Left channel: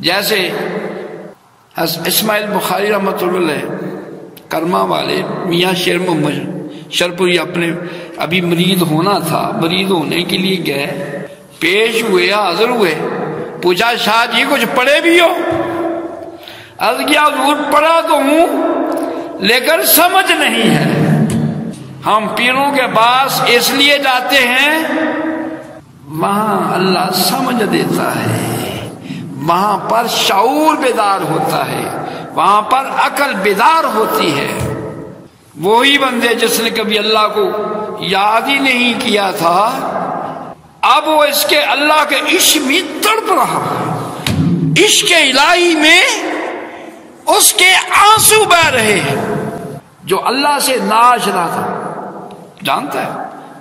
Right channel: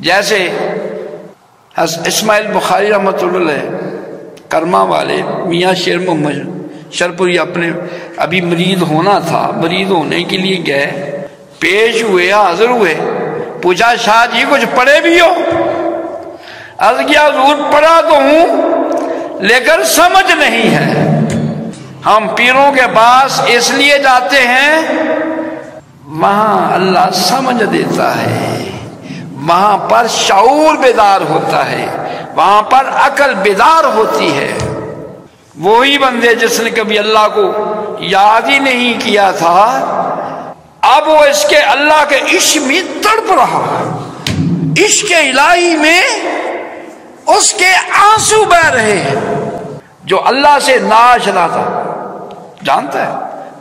جیسے اسماعیل بخاری رحمۃ اللہ علیہ کرما والے میاں شیر محمد شرپوری اپنے ابھی مرید ہونا تھا، مرید ہونے کے لیے گئے، پیش ہوئے، حاضر ہوئے، پوچھا شاہ جی کچھ پڑھے بھی ہو؟ عرض کیا حضور پڑھا تو ہوں لیکن سمجھ نہیں ہے۔ ہم پیروں کے پاس اس لیے جاتے ہیں وہاں اللہ سمجھ دیتا ہے، وہاں پر شعور بیدار ہوتا ہے، وہاں پر عقل بیدار ہوتی ہے۔ وہی بندے جس نے کبھی اللہ کو یاد ہی نہیں کیا تھا، اب وہ اس کے اللہ کے عشق میں تڑپ رہا، عشق الہی میں اس کے آنسو بہ رہے ہیں۔ جو اللہ سے ناشنا تھا، جانتا ہے،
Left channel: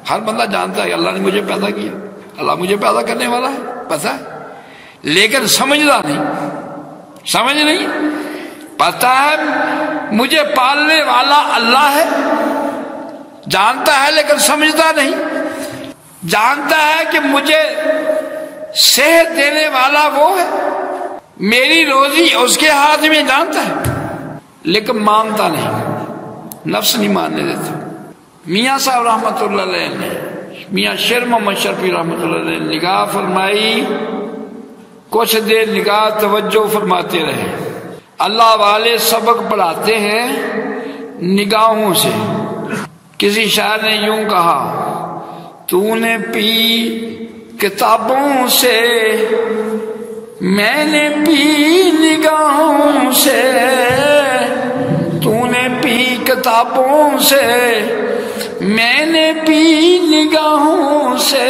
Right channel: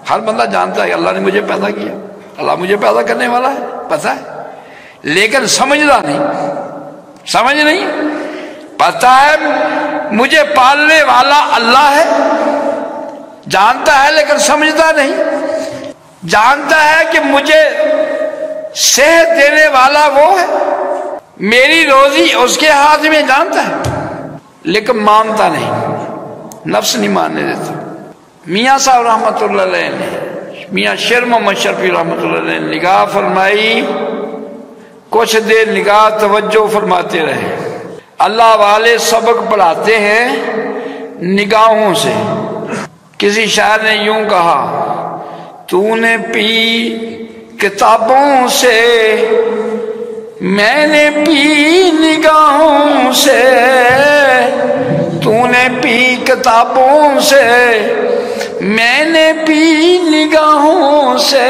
ہر بندہ جانتا ہے کہ اللہ نے مجھے پیدا کیا، اللہ مجھے پیدا کرنے والا ہے، پتہ ہے، لیکن سمجھتا نہیں، سمجھ نہیں، پتہ ہے مجھے پالنے والا اللہ ہے، جانتا ہے لیکن سمجھتا نہیں، جانتا ہے کہ مجھے صحت دینے والا وہ ہے، میری روزی اس کے ہاتھ میں، جانتا ہے لیکن مانتا نہیں، نفس نہیں ماننے دیتا۔ میاں صاحب رحمۃ اللہ علیہ نے، میاں شیر محمد شرفی رحمۃ اللہ علیہ نے نگاہ فرمائی، کچھ دیر نگاہ توجہ فرماتے رہے۔ اللہ والے سبق پڑھاتے ہیں نگاہوں سے۔ کسی شاعر نے یوں کہا، تو نے پی کتابوں سے، میں نے پی نگاہوں سے، تو نے پی کتابوں سے، میں نے پی نگاہوں سے۔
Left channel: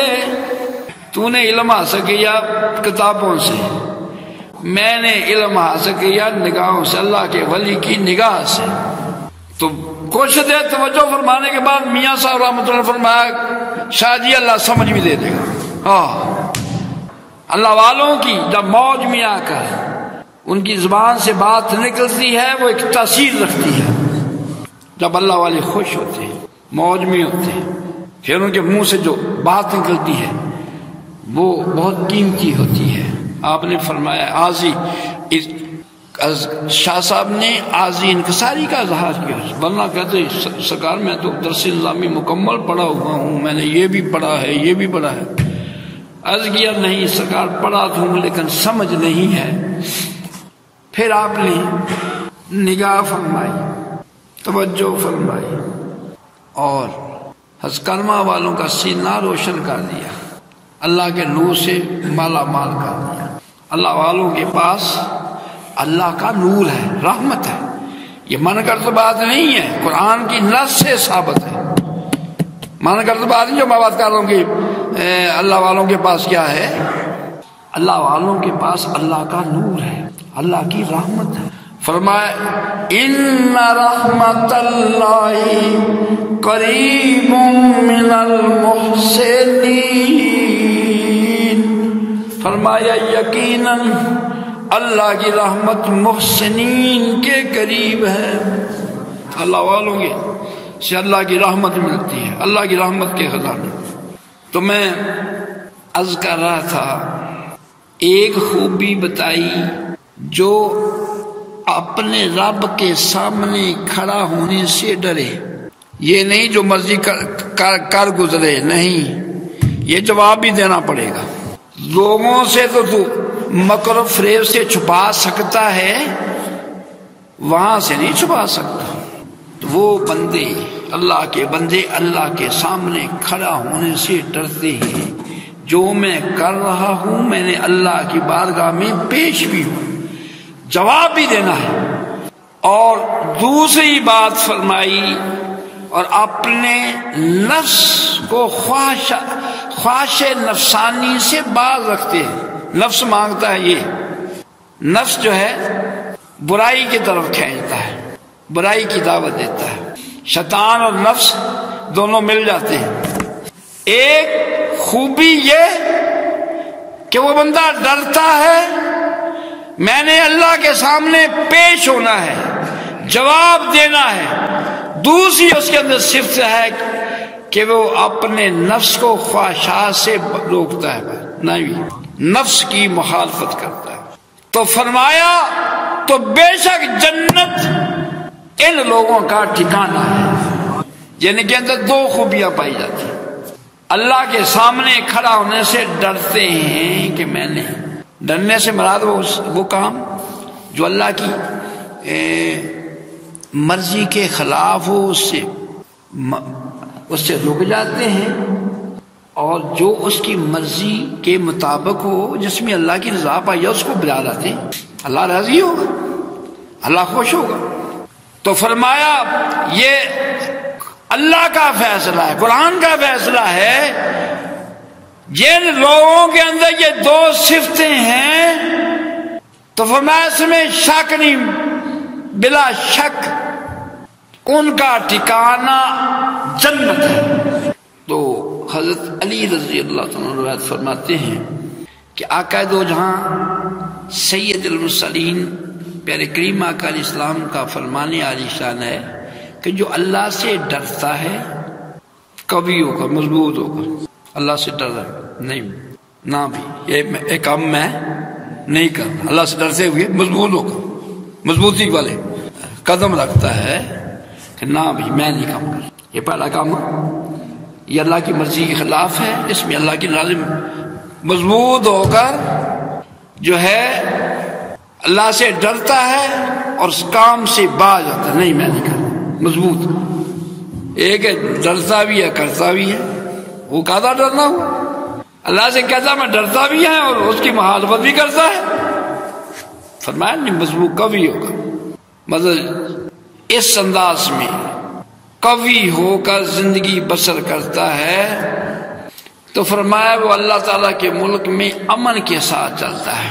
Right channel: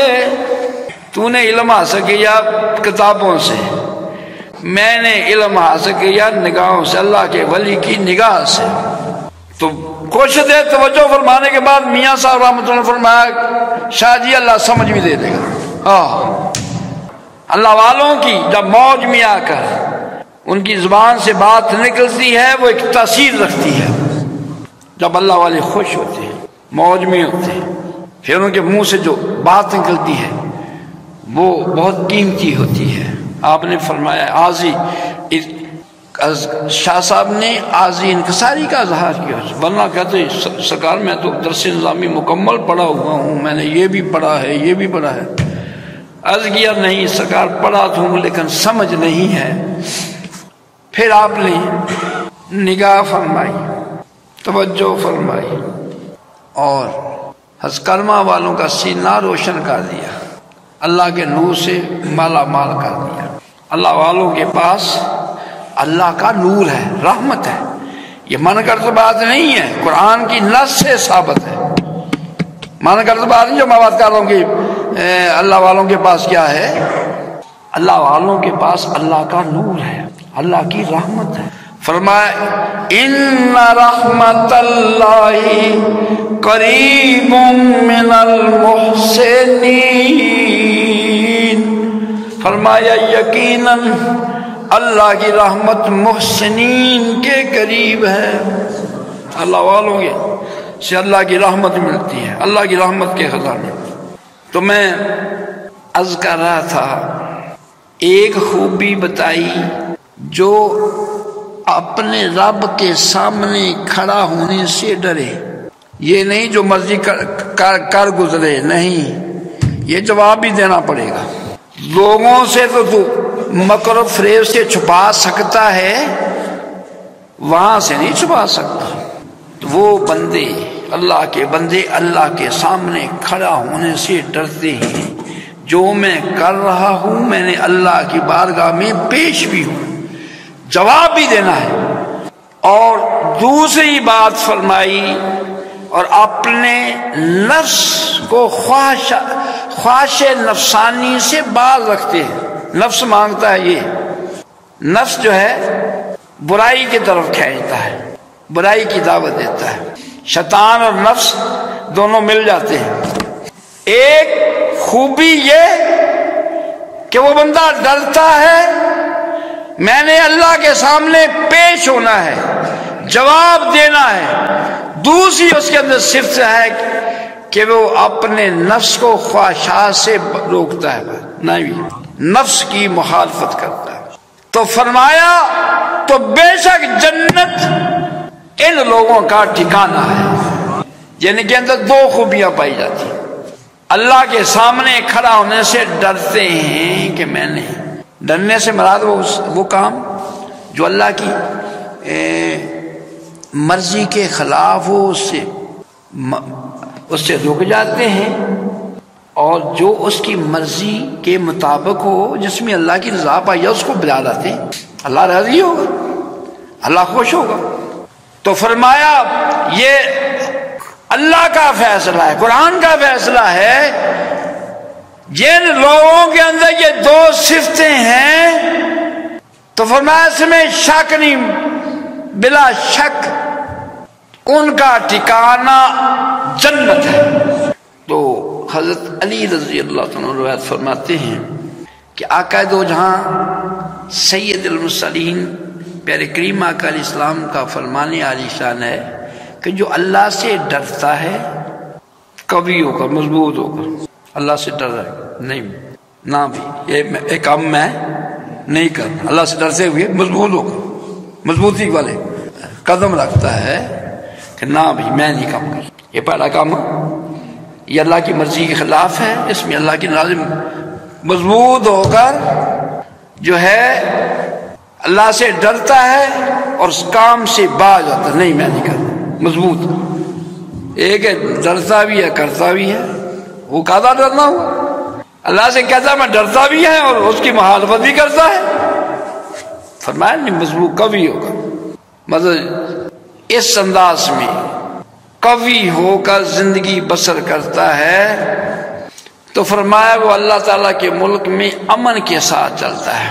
تو نے علم حاصل کیا کتابوں سے، میں نے علم حاصل کیا نگاہوں سے، اللہ کے ولی کی نگاہ سے۔ تو کچھ دیر توجہ فرمانے کے بعد میاں صاحب رحمۃ اللہ نے فرمایا، شاہ جی اللہ سمجھ بھی دے دے گا۔ اللہ والوں کی جب موج میں آ کر ان کی زبان سے بات نکلتی ہے وہ ایک تاثیر رکھتی ہے۔ جب اللہ والے خوش ہوتے ہیں، موج میں ہوتے ہیں، پھر ان کے منہ سے جو بات نکلتی ہے وہ بہت قیمتی ہوتی ہے۔ آپ نے فرمایا آزی، شاہ صاحب نے آزی انکساری کا اظہار کیا، ورنہ کہتے سرکار میں تو درس نظامی مکمل پڑھا ہوا ہوں، میں نے یہ بھی پڑھا ہے، یہ بھی پڑھا ہے۔ عرض کیا نہیں سرکار پڑھا تو ہوں لیکن سمجھ نہیں ہے۔ پھر آپ نے نگاہ فرمائی، توجہ فرمائی اور ہزکرما والوں کا سینہ روشن کر دیا، اللہ کے نور سے مالا مال کر دیا۔ اللہ والوں کے پاس اللہ کا نور ہے، رحمت ہے، یہ من کرتے بات نہیں ہے، قرآن کی نص سے ثابت ہے۔ من کرتے بات نہیں جو میں بات کر رہا ہوں کہ اللہ والوں کے پاس کیا ہے، اللہ والوں کے پاس اللہ کا نور ہے، اللہ کی رحمت ہے۔ فرمایا ان رحمت اللہ قریب من المحسنین، فرمایا یقیناً اللہ کی رحمت محسنین کے قریب ہے۔ اللہ والوں کے سے اللہ کی رحمت ملتی ہے، اللہ کی رحمت کے خزانے۔ تو میں عرض کر رہا تھا، ایک خوبی بتائی جو اپنے رب کے سامنے کھڑا ہونے سے ڈرے، یہ نہیں جو مرضی کر گزرے، نہیں، یہ جواب بھی دینا پڑے گا۔ لوگوں سے تو مکر و فریب سے چھپا سکتا ہے، وہاں سے نہیں چھپا سکتا۔ تو وہ بندے، اللہ کے بندے اللہ کے سامنے کھڑا ہونے سے ڈرتے ہیں، جو میں کر رہا ہوں میں نے اللہ کی بارگاہ میں پیش بھی ہوں، جواب بھی دینا ہے۔ اور دوسری بات فرمائی، اور اپنے نفس کو خواہش نفسانی سے باز رکھتے ہیں۔ نفس مانگتا ہے، یہ نفس جو ہے برائی کی طرف کھینچتا ہے، برائی کی دعوت دیتا ہے۔ شیطان اور نفس دونوں مل جاتے ہیں۔ ایک خوبی یہ کہ وہ بندہ ڈرتا ہے، میں نے اللہ کے سامنے پیش ہونا ہے، جواب دینا ہے۔ دوسری اس کے اندر صفت ہے کہ وہ اپنے نفس کو خواہشات سے روکتا ہے، نہیں، نفس کی مخالفت کرتا ہے۔ تو فرمایا تو بے شک جنت ان لوگوں کا ٹھکانہ ہے جن کے اندر دو خوبیاں پائی جاتی ہیں۔ اللہ کے سامنے کھڑا ہونے سے ڈرتے ہیں کہ میں نے، ڈرنے سے مراد وہ کام جو اللہ کی مرضی کے خلاف ہو اس سے رک جاتے ہیں، اور جو اس کی مرضی کے مطابق ہو، جس میں اللہ کی رضا پائی اس کو بلا لاتے ہیں۔ اللہ راضی ہوگا، اللہ خوش ہوگا۔ تو فرمایا یہ اللہ کا فیصلہ ہے، قرآن کا فیصلہ ہے۔ جن لوگوں کے اندر یہ دو صفتیں ہیں تو فرمایا اس میں شک نہیں، بلا شک ان کا ٹھکانہ جنت ہے۔ تو حضرت علی رضی اللہ عنہ روایت فرماتے ہیں کہ آقا دو جہاں سید المرسلین پیارے کریم آقا علیہ السلام کا فرمانے عالی شان ہے کہ جو اللہ سے ڈرتا ہے کبھی ہوگا، مضبوط ہوگا۔ اللہ سے ڈر نہیں نہ بھی یہ کام میں نہیں کروں، اللہ سے ڈرتے ہوئے مضبوط ہوگا، مضبوطی والے قدم رکھتا ہے کہ نہ بھی میں نہیں کام کر۔ یہ پہلا کام یہ اللہ کی مرضی کے خلاف ہے، اس میں اللہ کی ناراضی مضبوط ہو کر جو ہے اللہ سے ڈرتا ہے اور اس کام سے باز آتا نہیں میں نہیں کرتا، مضبوط۔ ایک ہے ڈرتا بھی ہے کرتا بھی ہے، وہ کہتا ڈرنا ہو، اللہ سے کہتا میں ڈرتا بھی ہے اور اس کی مخالفت بھی کرتا ہے۔ فرمایا نہیں مضبوط کبھی ہوگا، مطلب اس انداز میں قوی ہو کر زندگی بسر کرتا ہے تو فرمایا وہ اللہ تعالیٰ کے ملک میں امن کے ساتھ چلتا ہے۔